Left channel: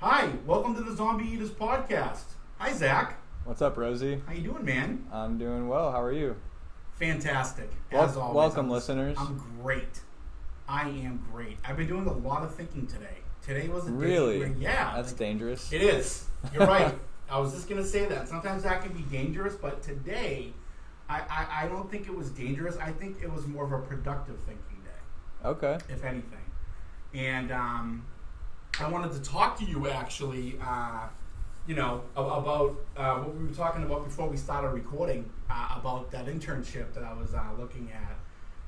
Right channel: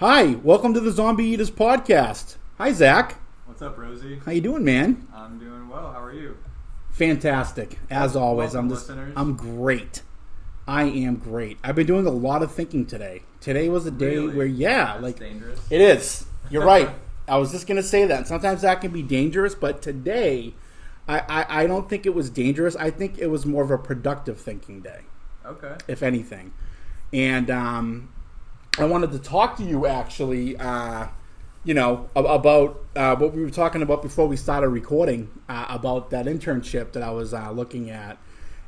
Hi, welcome to the Zombie Eaters podcast. Hi, Zach. What's up, Rosie? How you doing, man? I'm doing well. How are you? Fantastic, as always. Welcome, listeners. I'm great. I am great. I've been doing a lot of thinking today. Today was a day where, That's dangerous. It is. You're right. I was just gonna say that. Sometimes that can be dangerous, but today, I don't think it was dangerous. I think it was more of a productive thinking day. Okay. If anything, and I wanted to talk to you actually. About what we were talking about before we started recording about that internship that I was looking at.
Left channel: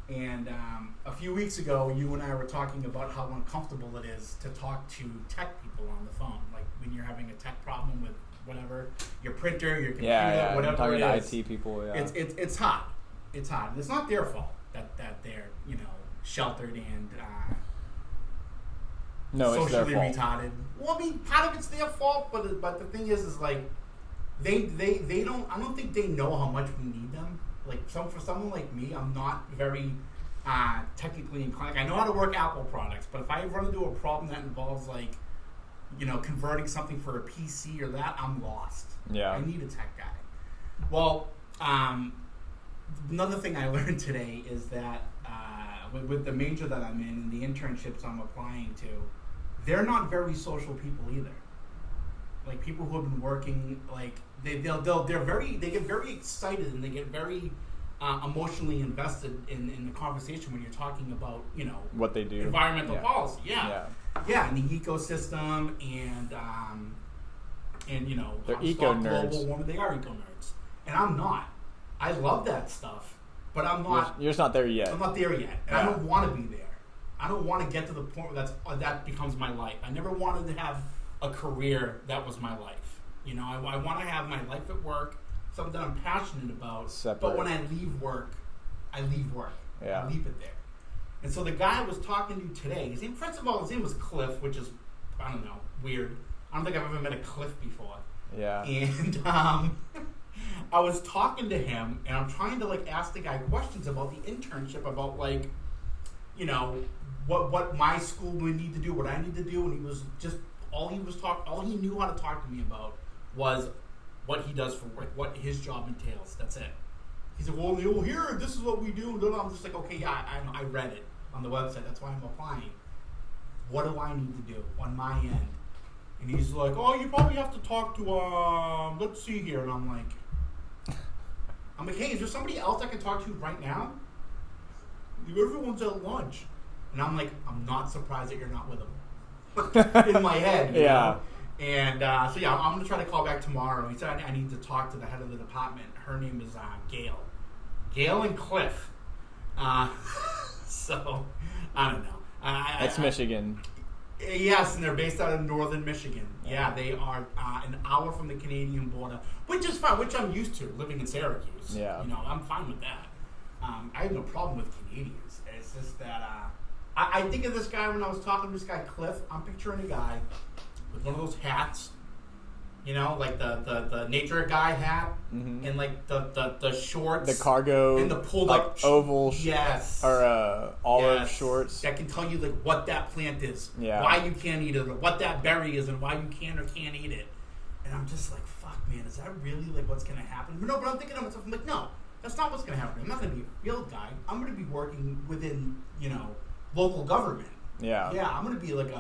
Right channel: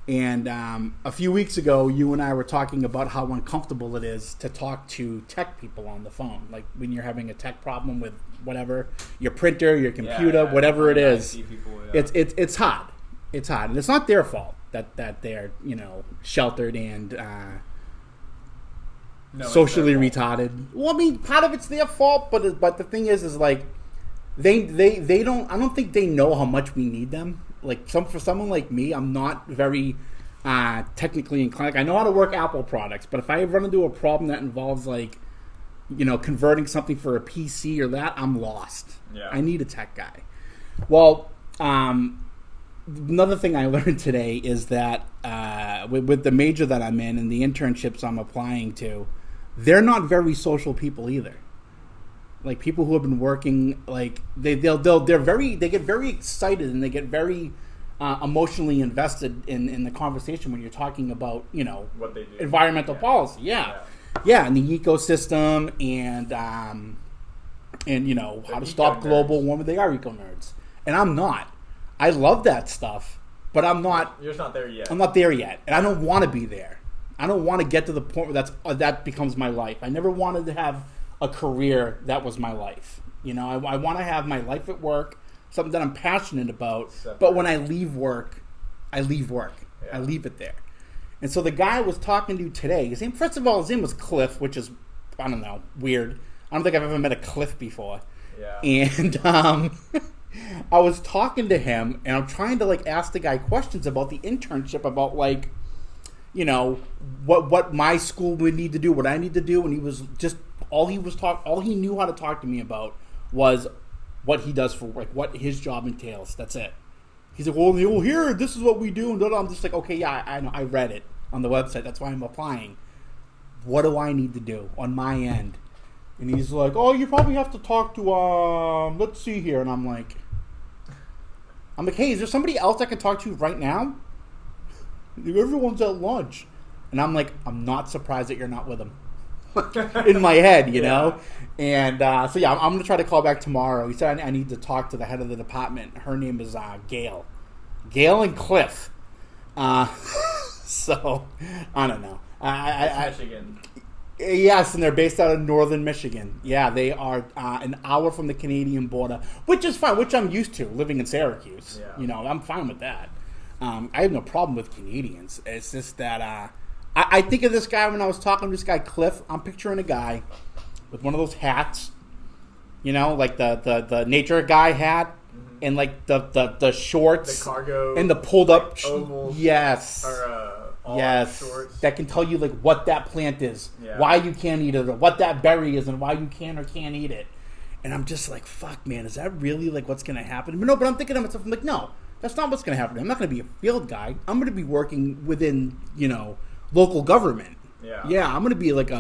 And a few weeks ago, you and I were talking about how uncomfortable it is to talk to tech people on the phone. Like when you're having a tech problem with whatever, your printer, your computer, whatever it is. IT people, yeah. It's hard. It's hard. And it's not their fault that they're, sheltered and socially retarded. Well, I mean, part of it's their fault, but the thing is like they don't. I don't think they know how much we need them. Like for someone like me, I'm not very technically inclined. Like, I know how to work Apple products, but if I run into a problem that involves like converting something for a PC or that, I'm lost. Yeah, I need a tech guy. Well, another thing I learned today is that with the major that I'm in and the internships I'm applying to, they're not very social people either. Like people who have been working, like they get very excited and they get very emotionally invested in the conversation when you're talking about what they do, environmental policy, and the ecosystem and how to stop global warming. They are eco nerds, and I'm not. I love that stuff, but I'm not. You're just not there yet. I'm not there yet, and I don't want to be there. I don't want to get to the point where that becomes my life. I never wanted to have a career that was my life. I want to have my life at work, something that I'm passionate about. Separate. But when I leave work, I leave work. Yeah. I leave it there. And so the guy I was talking to today, his name was Cliff, which is, I don't know, weird. I don't think I've ever met a Cliff before. Yeah. And I was talking to him, and I'm trying to ask the guy questions about the internship, about what my school would need to do, what I need to do, and he was just all he knew how to talk to me about was what he does for work, what his job entails. That's it. He's like, well, here, this is what we do, and I'm just like, okay, yeah, I know, I read it on the website. That's why I'm applying. What do I need to do on my end? And he's like, oh, you probably have to talk to let's see here, and I'm like, hey, is there somebody else I can talk to right now? Everyone's at lunch. And I'm like, I'm not surprised that you're not with them. In my head, you know? And I'm going to try to call back tomorrow. He said I need to talk to the head of the department. Her name is Gail. Gail and Cliff. So, I don't know. That's Michigan. Yes, and they're based out of northern Michigan. Yeah, they are an hour from the Canadian border, which is fine, which I'm used to, living in Syracuse. Yeah. I'm fine with that. I have no problem with Canadians. It's just that I think of this guy when I was talking to this guy, Cliff. I'm picturing a guy with one of those hats, like the nature guy hat, and the shorts, the cargo, and the pulled up oval, yes, or olive shorts that can tell you what that plant is, yeah, why you can't eat it, or what that berry is, and why you can or can't eat it. And I'm just like, fuck, man, is that really what's gonna happen? But I'm thinking to myself, I'm like, no, that's not what's gonna happen. I'm not gonna be a field guy. I'm gonna be working within local government. Yeah, I'm gonna be like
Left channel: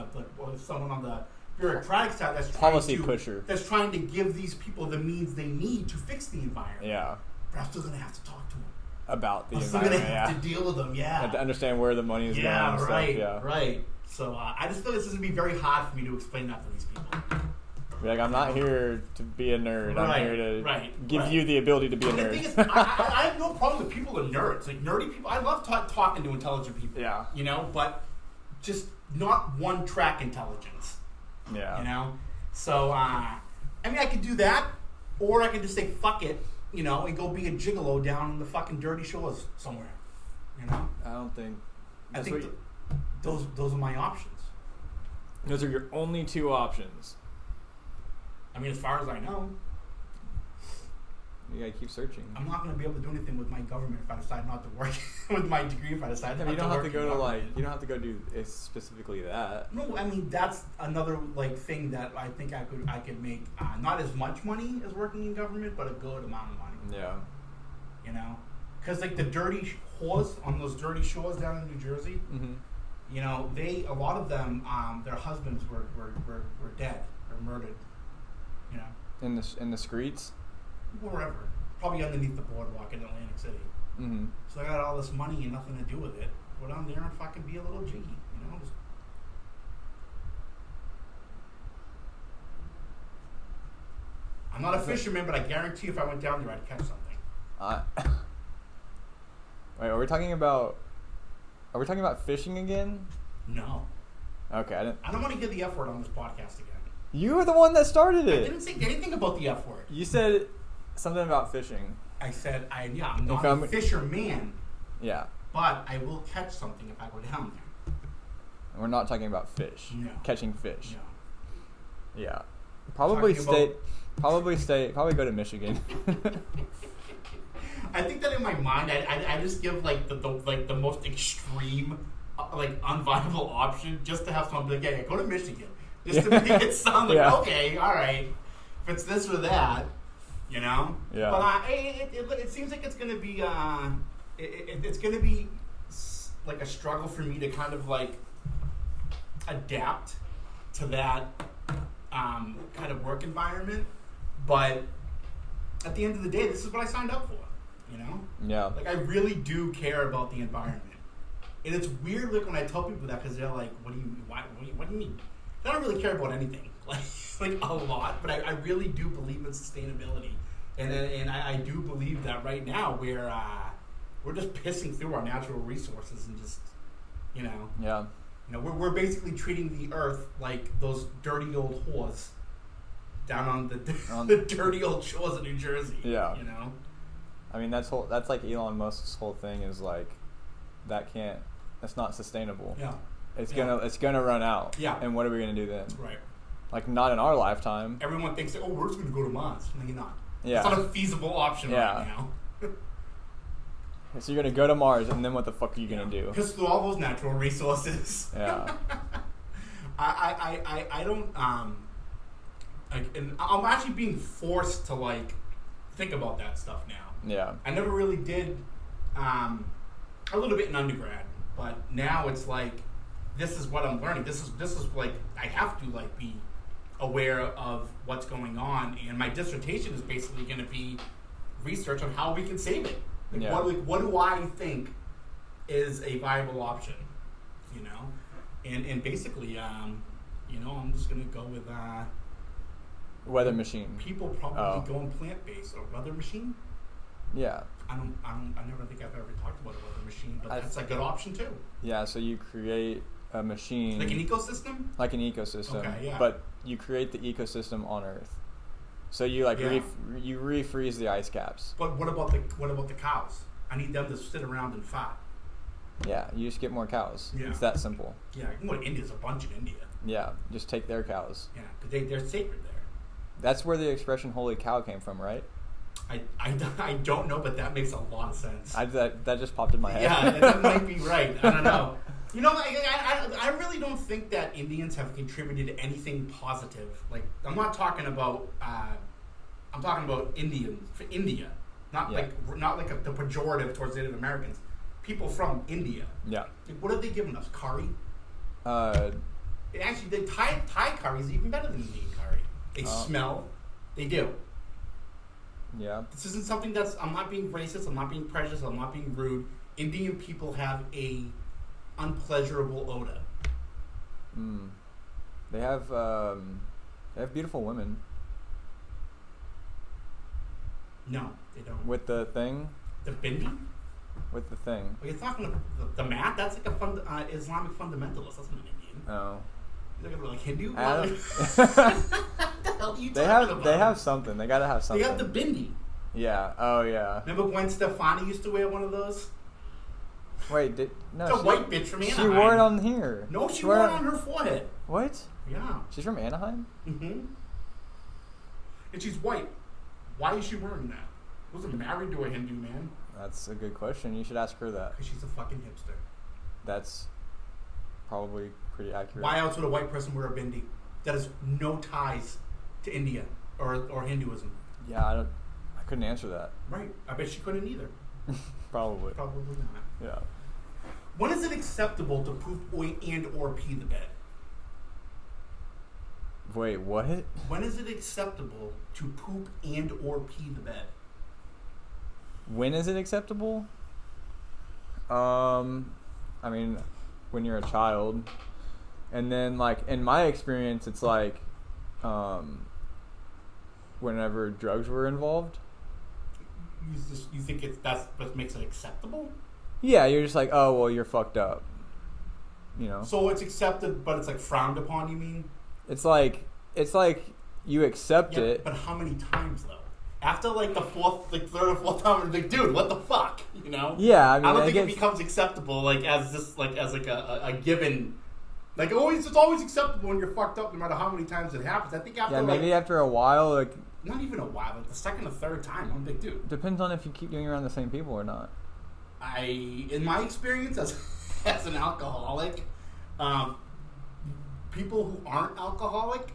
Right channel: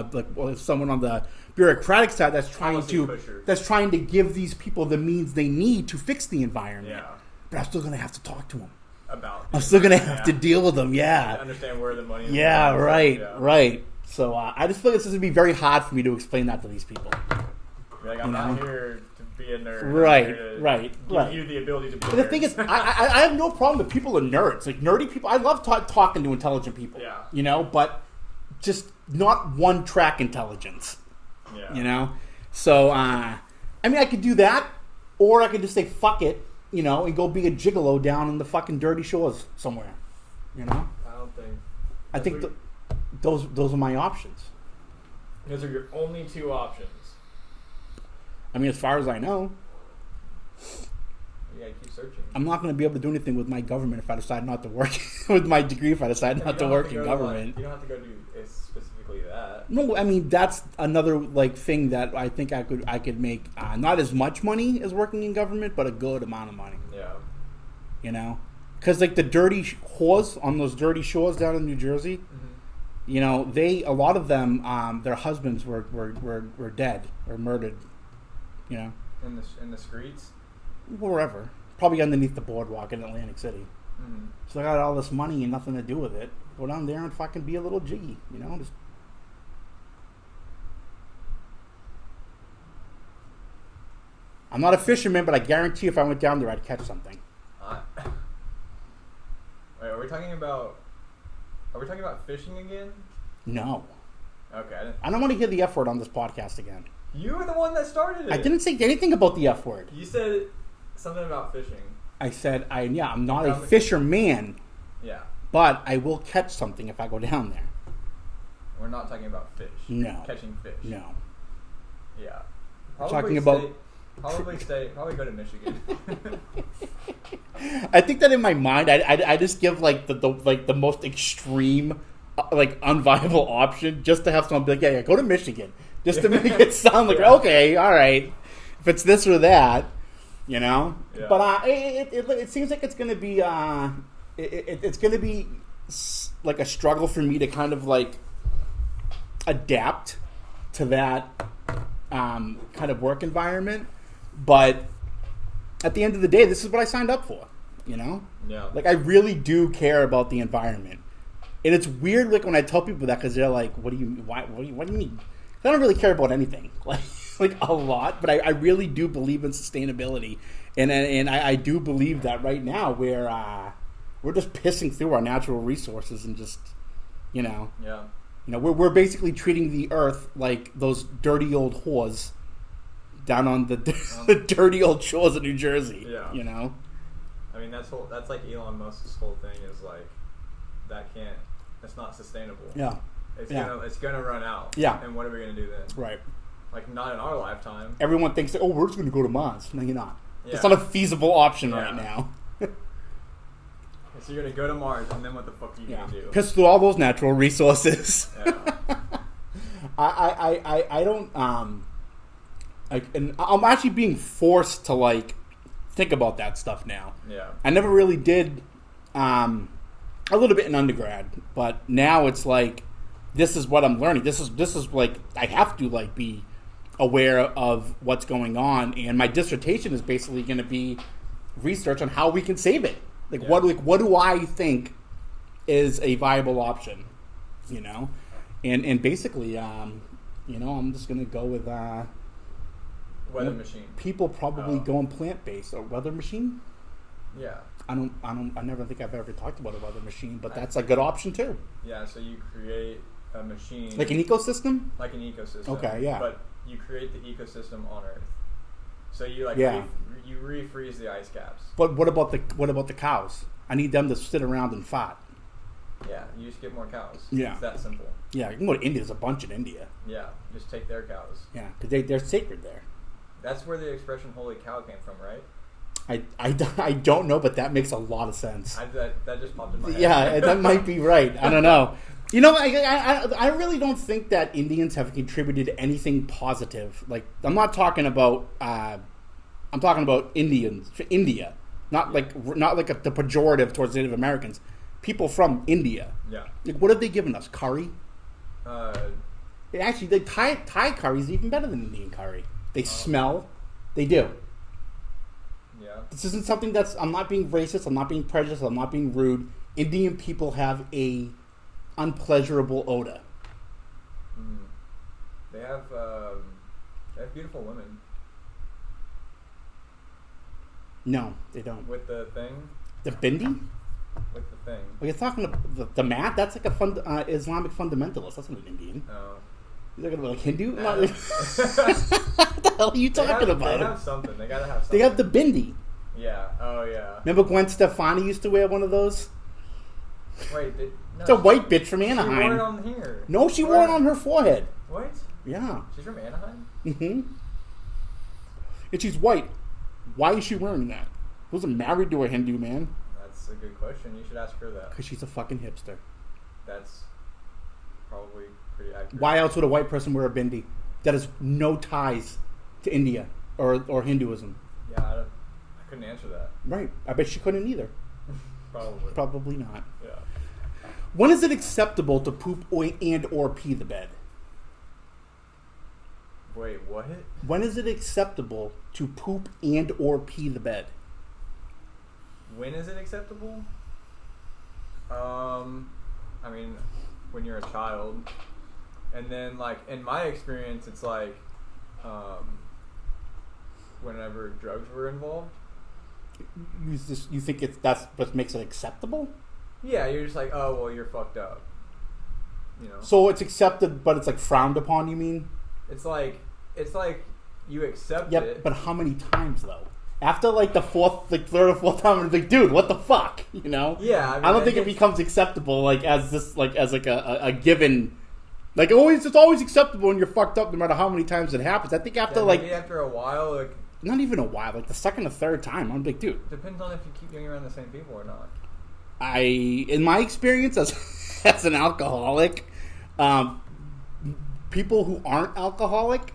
someone on the bureaucratic side that's trying to give these people the means they need to fix the environment. Yeah, but I'm still gonna have to talk to them about. I'm still gonna have to deal with them. Yeah, to understand where the money is. Yeah, right. So I just feel this is gonna be very hard for me to explain that to these people. I'm not here to be a nerd. Right, I'm here to right. Give you the ability to be a nerd. The thing is, I have no problem with people are nerds. Like nerdy people, I love talking to intelligent people. Yeah. But just not one-track intelligence. Yeah. So, I could do that, or I could just say, fuck it, and go be a gigolo down in the fucking dirty shores somewhere, I don't think... I think those are my options. Those are your only two options. As far as I know. You gotta keep searching. I'm not going to be able to do anything with my government if I decide not to work with my degree. If I decide not to work in government, you don't have to go do specifically that. No, I mean that's another like thing that I think I could make not as much money as working in government, but a good amount of money. Yeah. You know, because like the dirty whores on those dirty shores down in New Jersey, you know, a lot of them, their husbands were dead or murdered. You know, in the streets, wherever, probably underneath the boardwalk in Atlantic City. Mm-hmm. So I got all this money and nothing to do with it. Go down there and fucking be a little G. You know, just. I'm not a fisherman, but I guarantee if I went down there, I'd catch something. Wait, are we talking about fishing again? No. Okay, I don't want to hear the F word on this podcast again. You were the one that started it. I didn't say anything about the F word. You said something about fishing. I said, I'm not a fisherman. Yeah. But I will catch something if I go down there. We're not talking about fish. No. Catching fish. No. Yeah. Probably go to Michigan. I think that in my mind, I just give like the most extreme, like unviable option just to have someone be like, yeah, go to Michigan, just to make it sound like okay, all right, if it's this or that, you know. Yeah. But it seems like it's gonna be it's gonna be like a struggle for me to kind of like adapt to that kind of work environment, but at the end of the day, this is what I signed up for, you know? Yeah. Like, I really do care about the environment. And it's weird, like, when I tell people that, because they're like, what do you mean? I don't really care about anything, like a lot, but I really do believe in sustainability. And I do believe that right now we're just pissing through our natural resources and just, you know. Yeah. You know, we're basically treating the earth like those dirty old whores down on the dirty old shores of New Jersey. Yeah. You know? I mean, that's like Elon Musk's whole thing is like, that's not sustainable. Yeah. It's gonna run out. Yeah. And what are we gonna do then? Right. Like, not in our lifetime. Everyone thinks, oh, we're just going to go to Mars. No, you're not. Yeah. It's not a feasible option right now. So you're going to go to Mars, and then what the fuck are you going to do? Piss through all those natural resources. Yeah. I don't, and I'm actually being forced to, like, think about that stuff now. Yeah. I never really did, a little bit in undergrad, but now it's like, this is what I'm learning. This is like, I have to, like, be aware of what's going on, and my dissertation is basically going to be research on how we can save it. Like, what do I think is a viable option, you know? And basically, you know, I'm just going to go with weather machine. People probably going plant-based. Or weather machine? Yeah. I never think I've ever talked about a weather machine, but that's a good option too. Yeah, so you create a machine. Like an ecosystem? Like an ecosystem. Okay, yeah. But you create the ecosystem on Earth. So you you refreeze the ice caps. But what about the cows? I need them to sit around and fart. Yeah, you just get more cows. Yeah. It's that simple. Yeah, you can go to India. There's a bunch in India. Yeah, just take their cows. Yeah, because they're sacred there. That's where the expression "holy cow" came from, right? I don't know, but that makes a lot of sense. That just popped in my head. Yeah, that might be right. I don't know. You know, I really don't think that Indians have contributed anything positive. Like, I'm not talking about I'm talking about Indians for India, not like the pejorative towards Native Americans. People from India. Yeah. Like, what have they given us? Curry. Actually, the Thai curry is even better than Indian curry. They smell. They do. Yeah. This isn't something that's. I'm not being racist. I'm not being prejudiced. I'm not being rude. Indian people have a unpleasurable odor. They have beautiful women. No, they don't. With the thing. The bindi. With the thing. Are you talking about the mat? That's like a Islamic fundamentalist. That's not an Indian. Oh. You're talking about like Hindu? What the hell are you talking about? They have something. They gotta have something. They have the bindi. Yeah. Oh yeah. Remember Gwen Stefani used to wear one of those? Wait, no, it's a white bitch from Anaheim. She wore it on here. No, she wore it on her forehead. What? Yeah. She's from Anaheim? Mm-hmm. And she's white. Why is she wearing that? Who's married to a Hindu man? That's a good question. You should ask her that. Because she's a fucking hipster. That's probably pretty accurate. Why else would a white person wear a bindi? That has no ties to India or Hinduism. Yeah, I couldn't answer that. Right. I bet she couldn't either. Probably. Probably not. Yeah. When is it acceptable to poop and or pee the bed? Wait, what? When is it acceptable to poop and or pee the bed? When is it acceptable? I mean, when you're a child. And then, like, in my experience, it's like, whenever drugs were involved. You think that's what makes it acceptable? Yeah, you're just like, oh, well, you're fucked up. You know? So it's accepted, but it's like frowned upon, you mean? It's like you accept it. But how many times, though? After, like, the third or fourth time, it's like, dude, what the fuck? You know? Yeah, I mean, I don't think it becomes acceptable, like, as a given. Like, it's always acceptable when you're fucked up no matter how many times it happens. I think after, maybe after a while, like... Not even a while, like the second or third time, I'm like, dude. Depends on if you keep doing around the same people or not. In my experience as an alcoholic, people who aren't alcoholic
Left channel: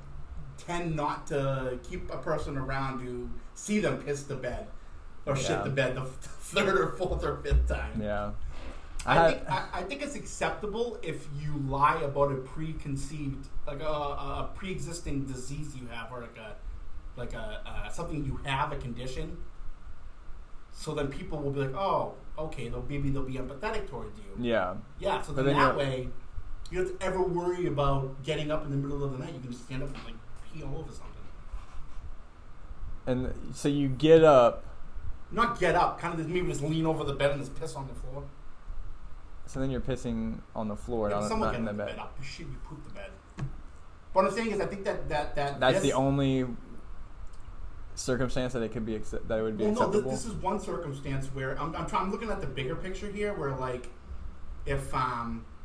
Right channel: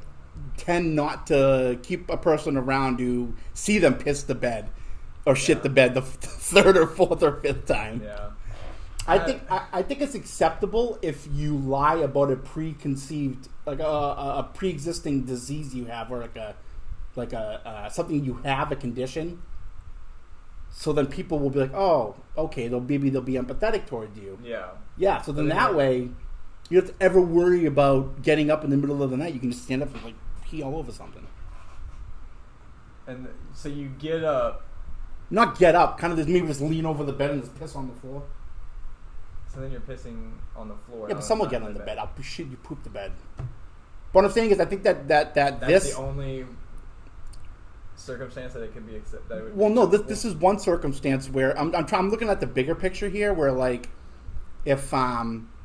tend not to keep a person around who see them piss the bed or shit the bed the third or fourth or fifth time. Yeah. I think it's acceptable if you lie about a preconceived, like a pre-existing disease you have, or like a something you have, a condition. So then people will be like, oh, okay, maybe they'll be empathetic towards you. Yeah. Yeah. So then that way, you don't have to ever worry about getting up in the middle of the night. You can just stand up and like pee all over something. And so you get up. Not get up, kind of maybe just lean over the bed and just piss on the floor. So then you're pissing on the floor. Yeah, but someone get on the bed. You poop the bed. But what I'm saying is, I think that's the only circumstance that it could be that it would be. Well, no, this is one circumstance where I'm looking at the bigger picture here, where like if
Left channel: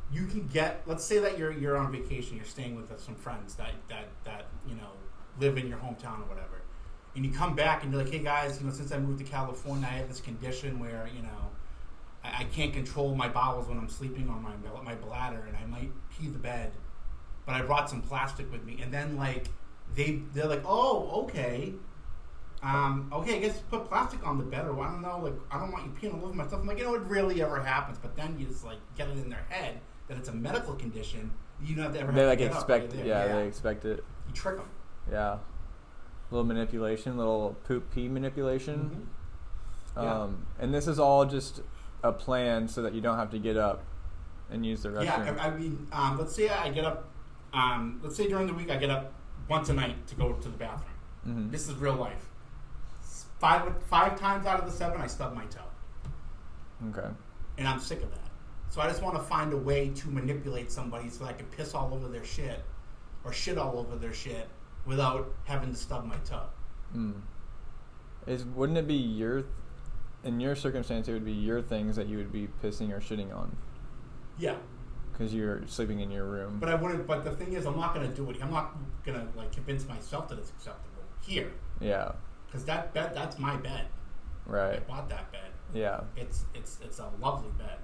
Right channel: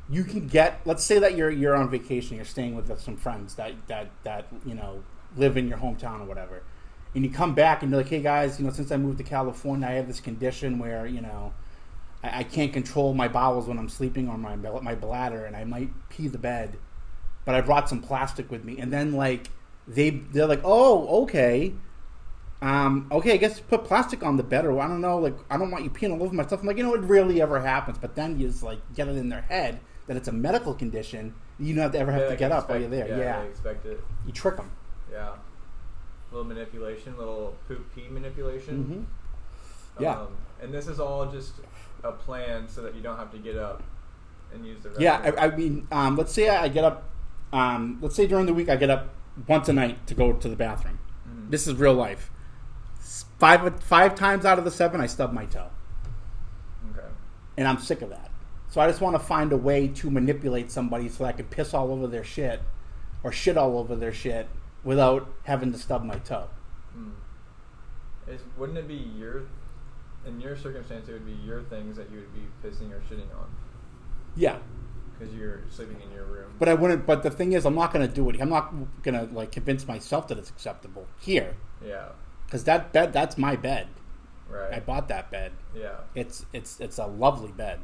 you can get, let's say that you're on vacation, you're staying with some friends that you know live in your hometown or whatever, and you come back and you're like, hey guys, you know, since I moved to California, I have this condition where, you know, I can't control my bowels when I'm sleeping, or my bladder, and I might pee the bed, but I brought some plastic with me. And then like they're like, oh, okay, I guess put plastic on the bed, or I don't know, like I don't want you peeing all over my stuff. I'm like, you know, it rarely ever happens, but then you just like get it in their head that it's a medical condition. You don't have to get up while you're there. Yeah, they expect it. You trick them. Yeah, little manipulation, little poop pee manipulation. Mm-hmm. Yeah, and this is all just a plan so that you don't have to get up and use the restroom. Yeah, I mean, let's say I get up. Let's say during the week I get up once a night to go to the bathroom. Mm-hmm. This is real life. Five times out of the 7, I stub my toe. Okay. And I'm sick of that. So I just want to find a way to manipulate somebody so that I can piss all over their shit or shit all over their shit without having to stub my toe. Wouldn't it be in your circumstance, it would be your things that you would be pissing or shitting on? Yeah. Because you're sleeping in your room. But I wouldn't. But the thing is, I'm not going to do it. I'm not going to like convince myself that it's acceptable here. Yeah. Because that's my bed. Right. I bought that bed. Yeah. It's a lovely bed,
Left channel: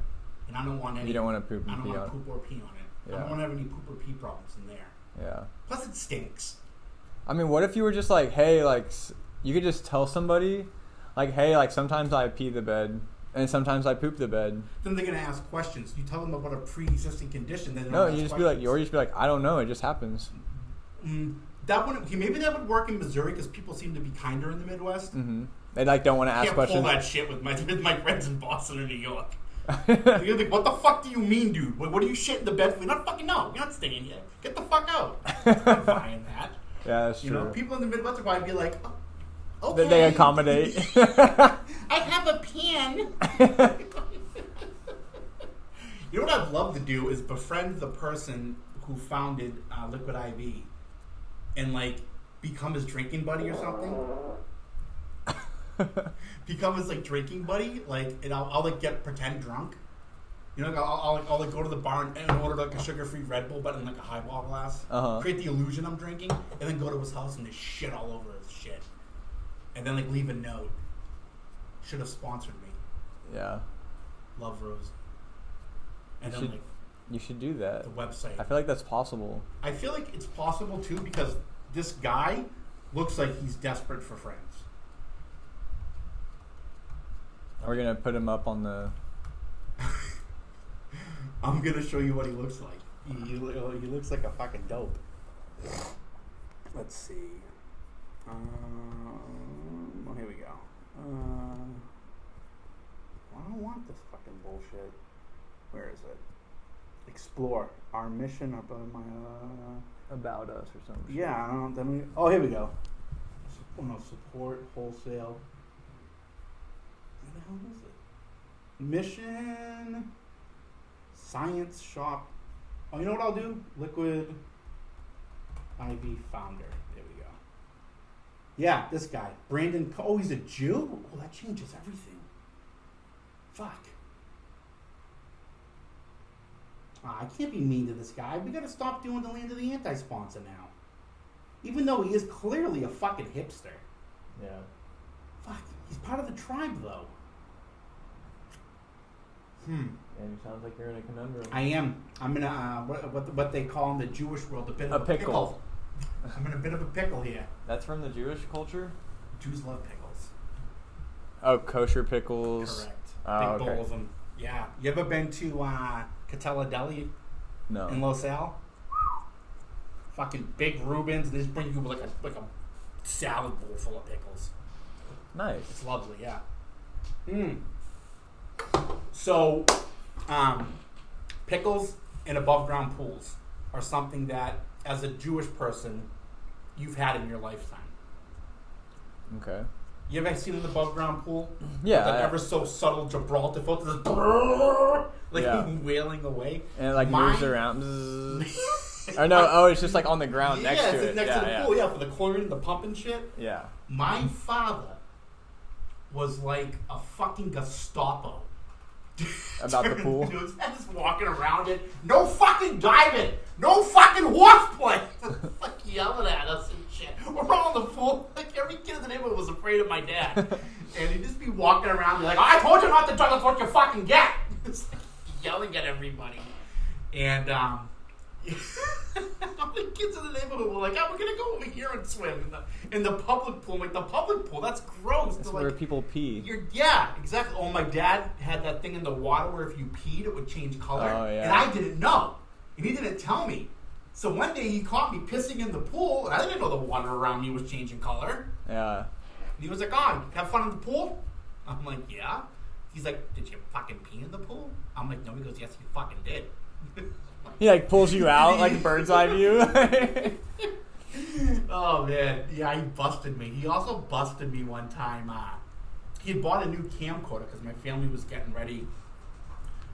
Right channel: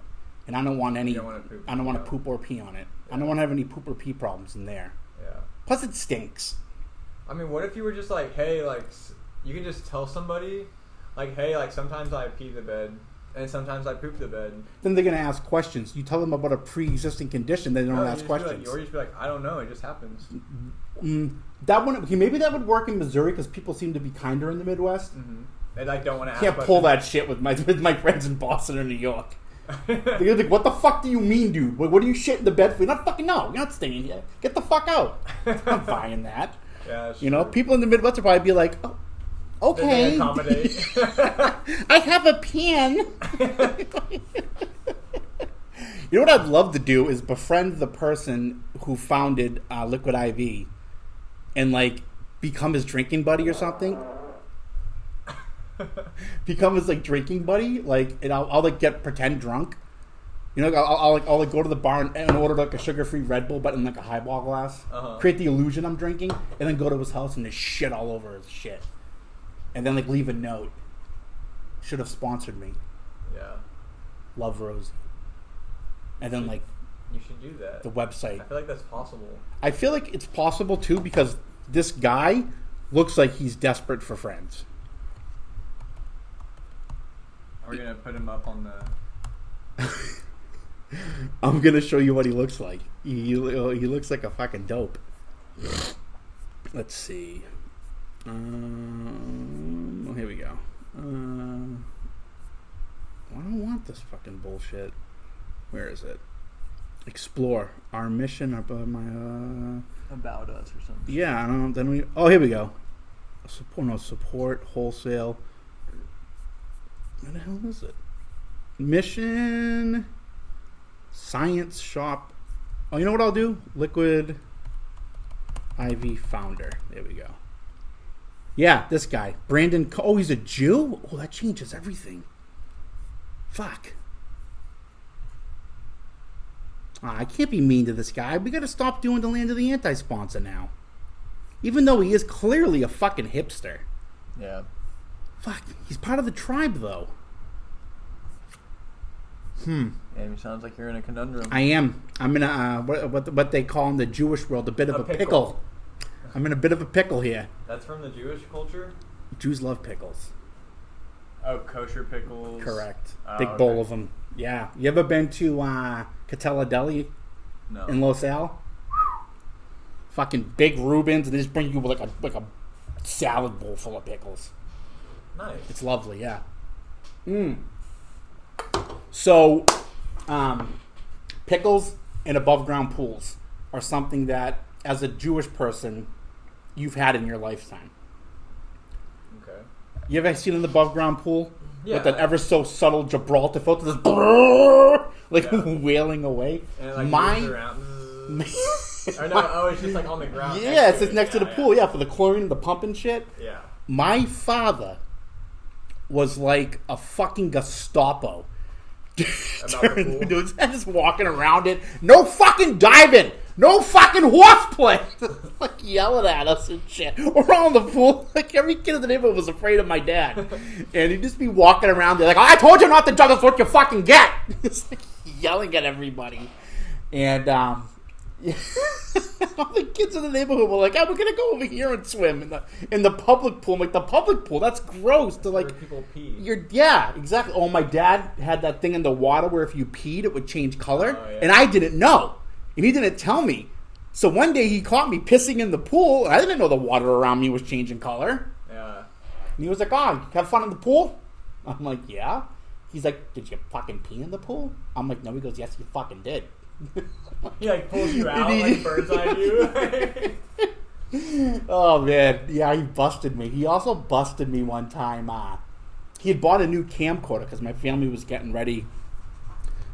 and I don't want any. You don't want to poop. I don't want to poop or pee on it. Yeah. I don't want to have any poop or pee problems in there. Yeah. Plus, it stinks. I mean, what if you were just like, hey, like, you could just tell somebody, like, hey, like, sometimes I pee the bed, and sometimes I poop the bed. Then they're gonna ask questions. You tell them about a pre-existing condition, they don't ask questions. Or you just be like, I don't know, it just happens. Maybe that would work in Missouri because people seem to be kinder in the Midwest. Mm-hmm. They like don't want to ask questions. Can't pull that shit with my friends in Boston or New York. They're like, what the fuck do you mean, dude? What do you shit in the bed for? You're not fucking no. You're not staying here. Get the fuck out. I'm buying that. Yeah, that's you true. know, people in the Midwest would probably be like, oh, okay. They accommodate. I have a pen. You know what I'd love to do is befriend the person who founded Liquid IV and like become his drinking buddy or something. Become his like drinking buddy, like, and I'll like pretend drunk. You know, I'll like go to the bar and order like a sugar-free Red Bull, but in like a highball glass. Create the illusion I'm drinking, and then go to his house and just shit all over his shit, and then like leave a note. Should have sponsored me. Yeah. Love Rosie. And then you should do that. The website. I feel like that's possible. I feel like it's possible too because this guy looks like he's desperate for friends. Are we gonna put him up on the? I'm gonna show you what he looks like. He looks like a fucking dope. Let's see. Here we go. I don't want this fucking bullshit. Where is it? Explore our mission about About us or something. Yeah, then we. Oh, here we go. Support wholesale. Where the hell is it? Mission. Science shop. Oh, you know what I'll do? Liquid IV founder. There we go. Yeah, this guy. Brandon. Oh, he's a Jew? Oh, that changes everything. Fuck. I can't be mean to this guy. We gotta stop doing the Land of the Anti-sponsor now. Even though he is clearly a fucking hipster. Yeah. Fuck. He's part of the tribe, though. And it sounds like you're in a conundrum. I am. I'm in a what they call in the Jewish world a bit of a pickle. I'm in a bit of a pickle here. That's from the Jewish culture? Jews love pickles. Oh, kosher pickles. Correct. Oh, Big bowl of them. Yeah. You ever been to Catella Deli? No. In Los Al? Fucking big Reubens, and they just bring you like a salad bowl full of pickles. Nice. It's lovely, yeah. So, pickles and above ground pools are something that, as a Jewish person, you've had in your lifetime. Okay. You ever seen an above ground pool? Yeah. With that ever so subtle Gibraltar filter, this wailing away. And it moves around. Or no, it's just like on the ground. Yeah, it's just next to the pool. Yeah, for the chlorine and the pump and shit. Yeah. My father was like a fucking Gestapo. About the pool? Dudes just walking around it. No fucking diving! No fucking horseplay! Like yelling at us and shit. We're all in the pool. Like every kid in the neighborhood was afraid of my dad. And he'd just be walking around there like, I told you not to judge us what you fucking get! It's like yelling at everybody. And yeah. All the kids in the neighborhood were like, "Oh, we're gonna go over here and swim in the public pool." I'm like, the public pool? That's gross. That's where people pee. Yeah, exactly. Oh, my dad had that thing in the water where if you peed, it would change color, and I didn't know, and he didn't tell me. So one day he caught me pissing in the pool, and I didn't know the water around me was changing color. Yeah. And he was like, "Oh, have fun in the pool?" I'm like, "Yeah." He's like, "Did you fucking pee in the pool?" I'm like, "No." He goes, "Yes, you fucking did." He like pulls you out like bird's eye view. Oh man, yeah, he busted me. He also busted me one time. He had bought a new camcorder because my family was getting ready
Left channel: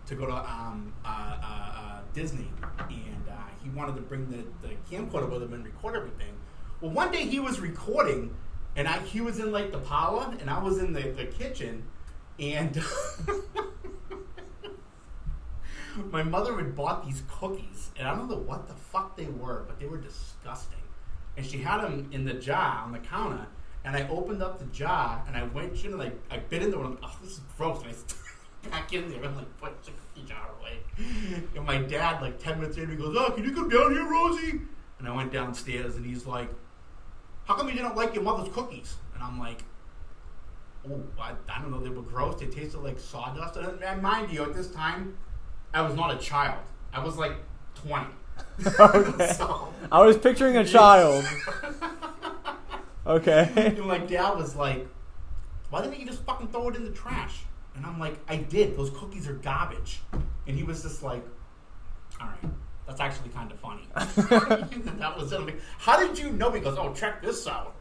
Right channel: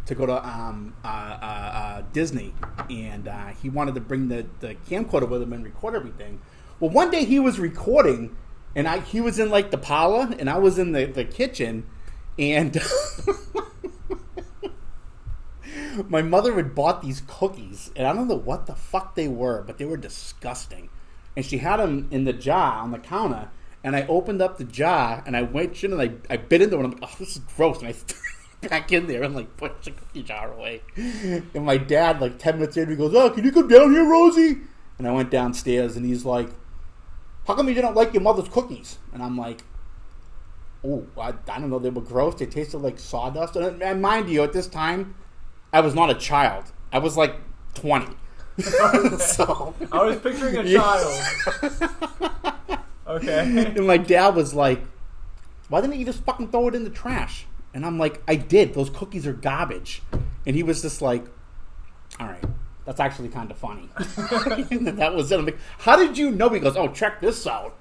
to go to Disney, and he wanted to bring the camcorder with him and record everything. Well, one day he was recording, and he was in like the parlor, and I was in the kitchen, and my mother had bought these cookies, and I don't know what the fuck they were, but they were disgusting. And she had them in the jar on the counter, and I opened up the jar, and I went in, and I bit into it, and I'm like, oh, this is gross, and I threw it back in there and like pushed the cookie jar away. And my dad, like 10 minutes in, he goes, "Oh, can you come down here, Rosie?" And I went downstairs, and he's like, "How come you didn't like your mother's cookies?" And I'm like, "Oh, I don't know, they were gross, they tasted like sawdust." And mind you, at this time, I was not a child. I was like 20. So, I was picturing a child. Okay. And my dad was like, "Why didn't you just fucking throw it in the trash?" And I'm like, "I did. Those cookies are garbage." And he was just like, "All right, that's actually kind of funny." And that was it. I'm like, "How did you know?" He goes, "Oh, check this out."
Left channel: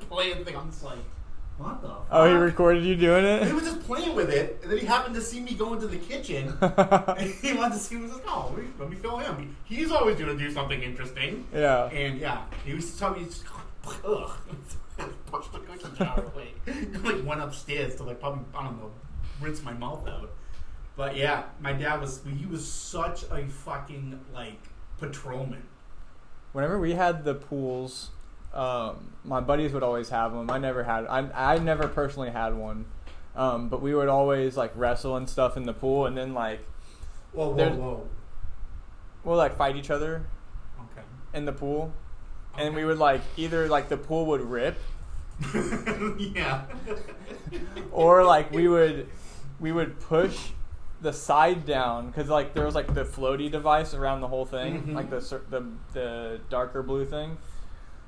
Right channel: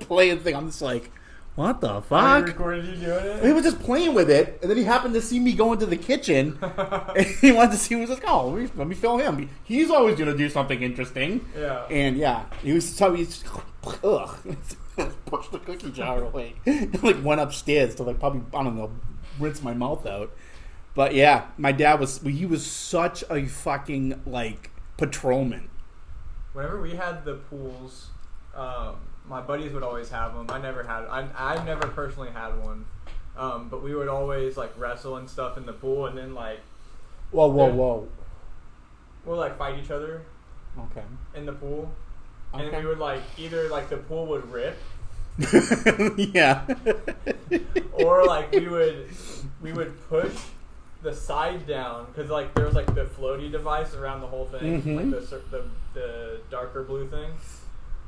Playing thing. I'm just like, what the fuck? Oh, he recorded you doing it? He was just playing with it, and then he happened to see me go into the kitchen, and he wanted to see. He was like, "Oh, let me film him. He's always going to do something interesting." Yeah. And yeah, he was so he's ugh, pushed the cookie jar away, and like went upstairs to like probably, I don't know, rinse my mouth out. But yeah, my dad was such a fucking like patrolman. Whenever we had the pools, my buddies would always have them. I never personally had one, But we would always like wrestle and stuff in the pool, and then like Whoa. we'll like fight each other Okay. in the pool, and Okay. we would like either like the pool would rip, Yeah. or like we would push the side down because like there was like the floaty device around the whole thing, Mhm. like the darker blue thing,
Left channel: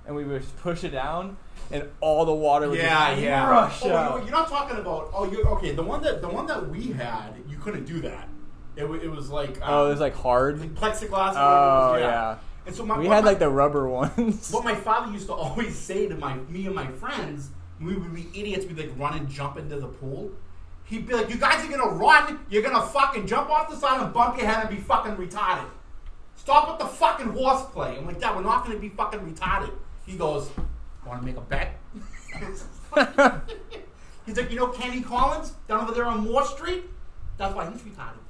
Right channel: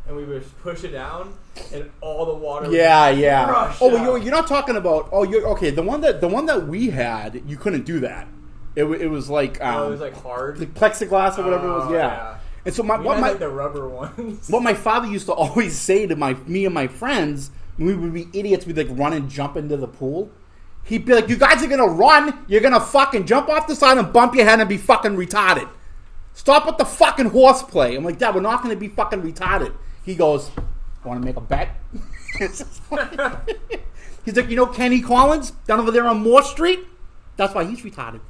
and we would push it down, and all the water. Would just rush out. You're not talking about. Oh, you're okay. The one that we had, you couldn't do that. It was like Oh, it was like hard. the plexiglass or whatever it was. Yeah. And so We had like the rubber ones. what my father used to always say to me and my friends when we would be idiots, we'd like run and jump into the pool. He'd be like, "You guys are gonna run. You're gonna fucking jump off the side and bump your head and be fucking retarded. Stop with the fucking horseplay." I'm like, "Dad, we're not gonna be fucking retarded." He goes, "Want to make a bet?" He's like, "You know Kenny Collins down over there on Moore Street? That's why he's retarded."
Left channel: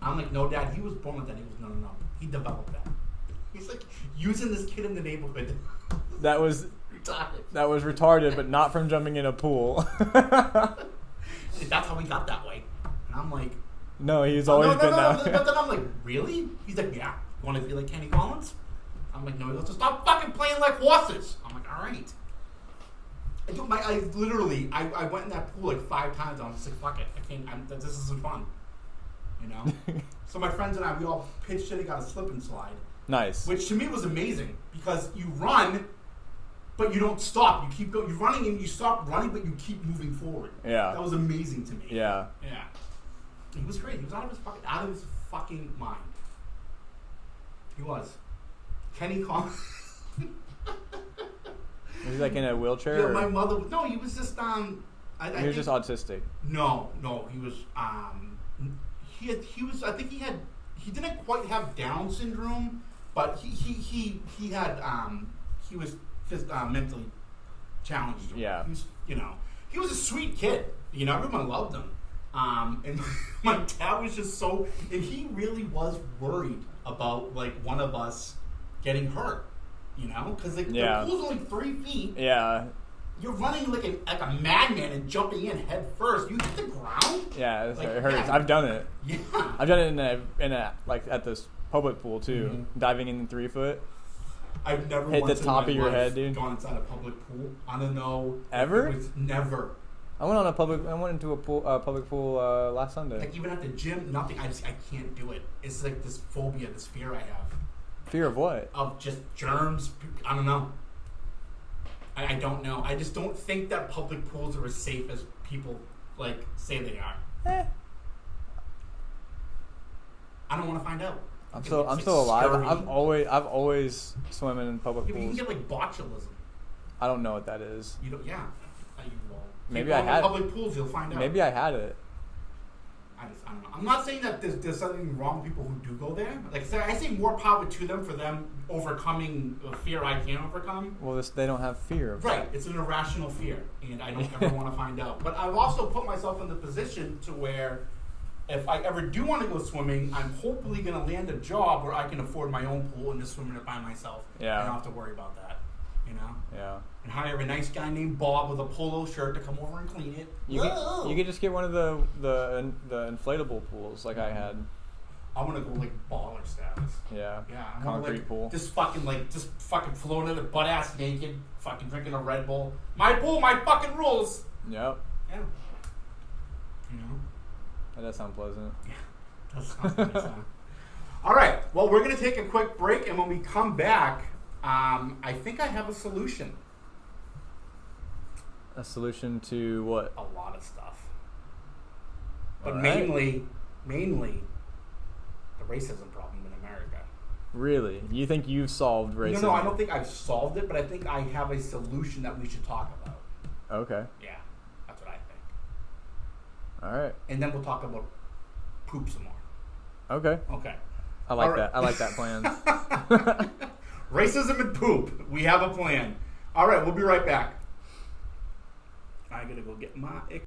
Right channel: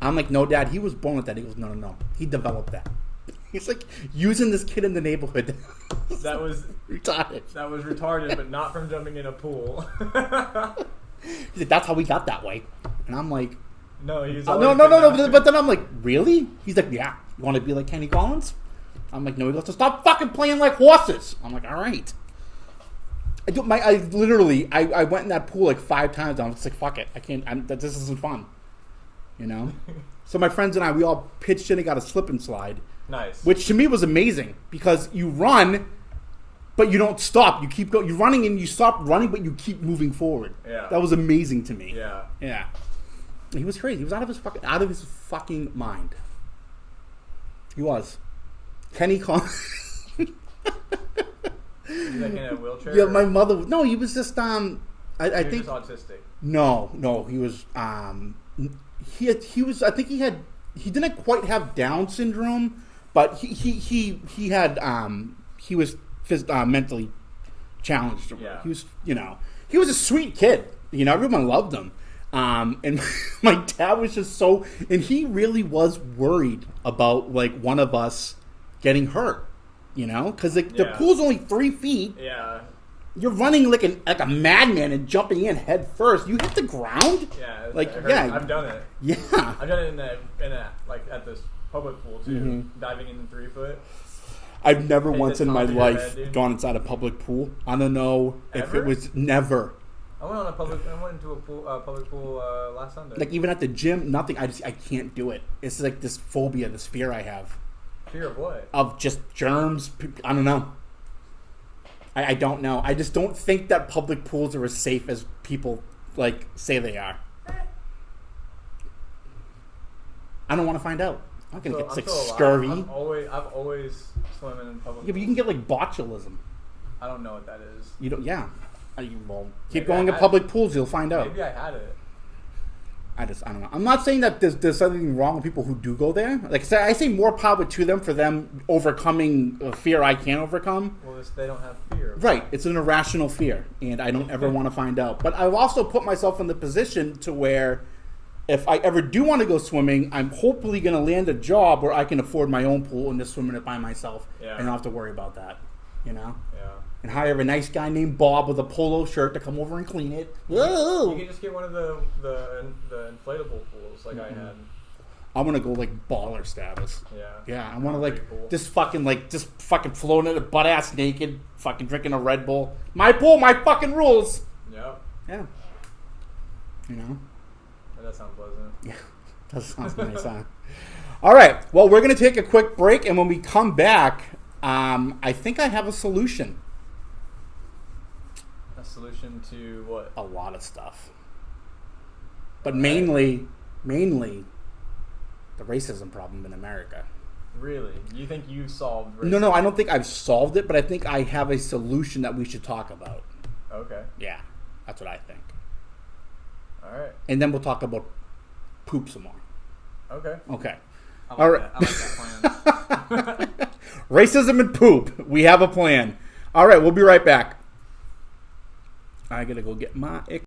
I'm like, "No, Dad, he was born with that." He goes, No. He developed that." He's like using this kid in the neighborhood. That was retarded. That was retarded, but not from jumping in a pool. He's like, "That's how we got that way." And I'm like, No, he's no. always been that. But then I'm like, "Really?" He's like, "Yeah. You want to be like Kenny Collins?" I'm like, "No." He goes, "So stop fucking playing like horses." I'm like, "All right." I went in that pool like 5 times. And I was like, "Fuck it. I can't. This isn't fun." You know. So my friends and I, we all pitched in and got a slip and slide. Nice. Which to me was amazing because you run, but you don't stop. You keep going. You're running and you stop running, but you keep moving forward. Yeah. That was amazing to me. Yeah. Yeah. He was crazy. He was out of his fucking mind. He was. Kenny Collins. Was he like in a wheelchair? Yeah, or- my mother. No, he was just I He think was just autistic. No, he was he didn't quite have Down syndrome, but he was mentally challenged. Yeah. He was, he was a sweet kid. Everyone loved him. And my dad was just and he really was worried about like one of us getting hurt, because the pool's only 3 feet. Yeah. You're running like a madman and jumping in head first. You hit the ground. Yeah. Like, it hurts. yeah. I've done it. Yeah. I've done it in a like at this public pool too, Mm-hmm. diving in 3 foot. I've never Hit once the in top my of your life head, dude. gone inside a public pool. I don't know Ever? if it was never. I went into a public pool last Sunday. Like even at the gym, nothing. I can't do it. It's like this phobia, this fear I have Fear of what? of just germs. I don't know. I don't know. I just don't think that public pools are as safe as people like say they are. I don't want to find out. I'm gonna still, get, I'm like, still scurvy. alive. I've always swum in public Yeah, but pools. you can get like botulism. I don't know what that is. You don't. Yeah. Well, keep Maybe going I to had public pools, you'll find out. Maybe I had it. I don't know. I'm not saying that there's something wrong with people who do go there. Like I say, more power to them for them overcoming a fear I can't overcome. Well, they don't have fear. Right. It's an irrational fear, and I don't ever want to find out. But I've also put myself in the position to where if I ever do want to go swimming, I'm hopefully going to land a job where I can afford my own pool and just swim in it by myself. Yeah. And not have to worry about that. Yeah. And hire a nice guy named Bob with a polo shirt to come over and clean it. You could just get one of the inflatable pools like I had. I'm gonna go like baller status. Yeah. Yeah, I want to Concrete pool. just fucking floating it butt ass naked, fucking drinking a Red Bull. My pool, my fucking rules. Yep. Yeah. That does sound pleasant. Yeah. That sounds nice. Huh? All right. Well, we're gonna take a quick break, and when we come back, I think I have a solution. A solution to what? A lot of stuff, but All right. mainly the racism problem in America. Really? You think you've solved racism? No, I don't think I've solved it, but I think I have a solution that we should talk about. Okay. Yeah, that's what I think. All right. And then we'll talk about poop some more. Okay. Okay. I like All right. that. I like that plan. Racism and poop. We have a plan. All right, we'll be right back. I gotta go get my